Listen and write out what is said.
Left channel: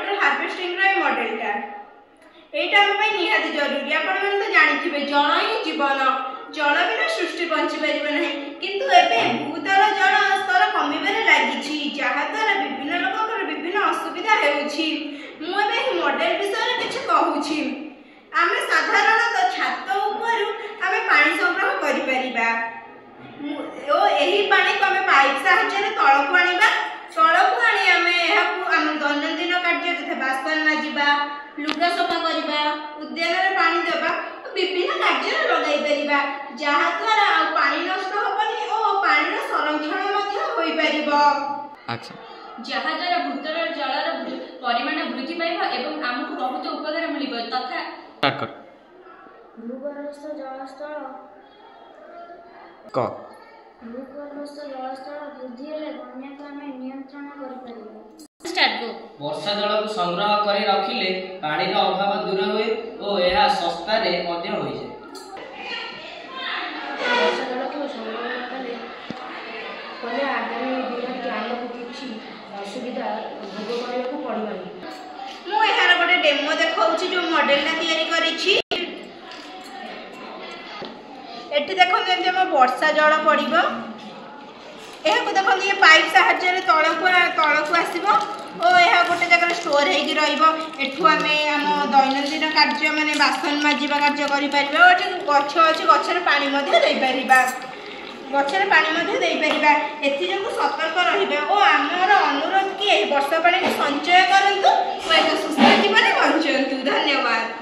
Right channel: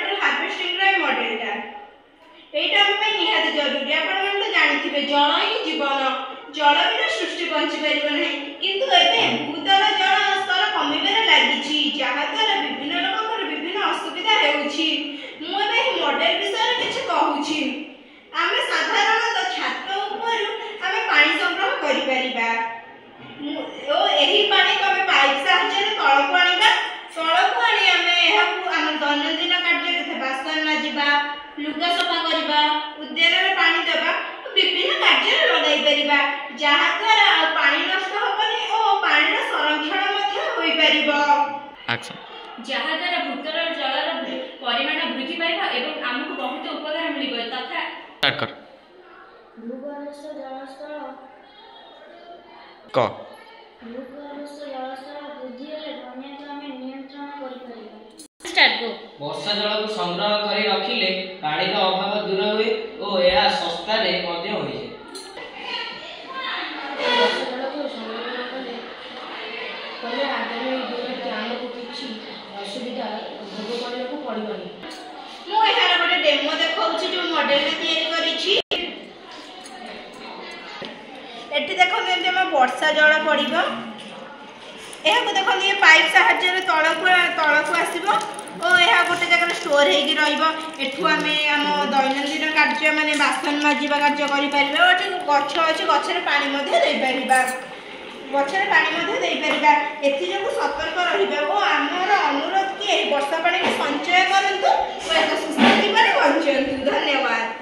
Water harvesting रे मॉडलटा एटा हम पे निहाती जरूरी। आपण मन तो जानिथिबे जल ही जीवन, जल बिना सृष्टि बंची परिबे नहीं। किंतु एबे भूतल जल स्तर कमिबे लागिछि, जहा द्वारा विभिन्न लोककर विभिन्न असुविधा हेउछि। मु एबे मॉडल विषय किछ कहूछि। आमे साधारणतः छात ऊपर आमे पानी संग्रह करि परिबा ओ एही पानी को आमे पाइप साहाय्य तळकु आनिबा। तळकु आनी आमे एहाकु आम दैनंदिन कार्य तथा बासन माजिबा, लुगा सफा करबा, उद्यान रे पानी देबा, विभिन्न कार्य लगाई परिबा, जहा द्वारा पानी नष्ट होबनी ओ पानी रो संरक्षण मध्य होई परिबो। एक्शन जहा द्वारा भूतल जलर परिमाण वृद्धि पाइबा एवं हमकु बहुत उपकार मिलिबो। तथा स्टार्ट कर भूगर्भस्थ जलस्तर क भूगर्भस्थ जलस्तर वृद्धि हेले बन्याके आमे नियंत्रण करि परिबा। स्टार्ट गो। वर्षा जल को संग्रह करी रखिले पानी रो अभाव दूर होए और यह सस्ता रे मध्य होई जे। वर्षा जल को संग्रह कले आगामी दिन आमको किछि असुविधा भोग करबाको पड़िबनी। मु एहार गोटे डेमो देखाउछि जो मॉडलटा तयारी करिछि। एठी देखो केमते हम वर्षा जल पड़िबो। एहाको देखो ये पाइप साहाय्य तळकु आसीबो ओ एहा गोटे जगह स्टोर हेगी रहिबो। एठु आमे हम दैनंदिन कार्य माने बासन माजिबा कार्य करि परिबा। ओठी गछ अछि, गछरे पानी मध्ये देई परिबा, गछरे पानी मध्ये देई परिबा। एथि जको सतर्क रहिबा ओ हमर अनुरोध कि एही वर्षा पानी को संचय करंतु ओ एक सुस्थ जीवन बंचंतु। धन्यवाद।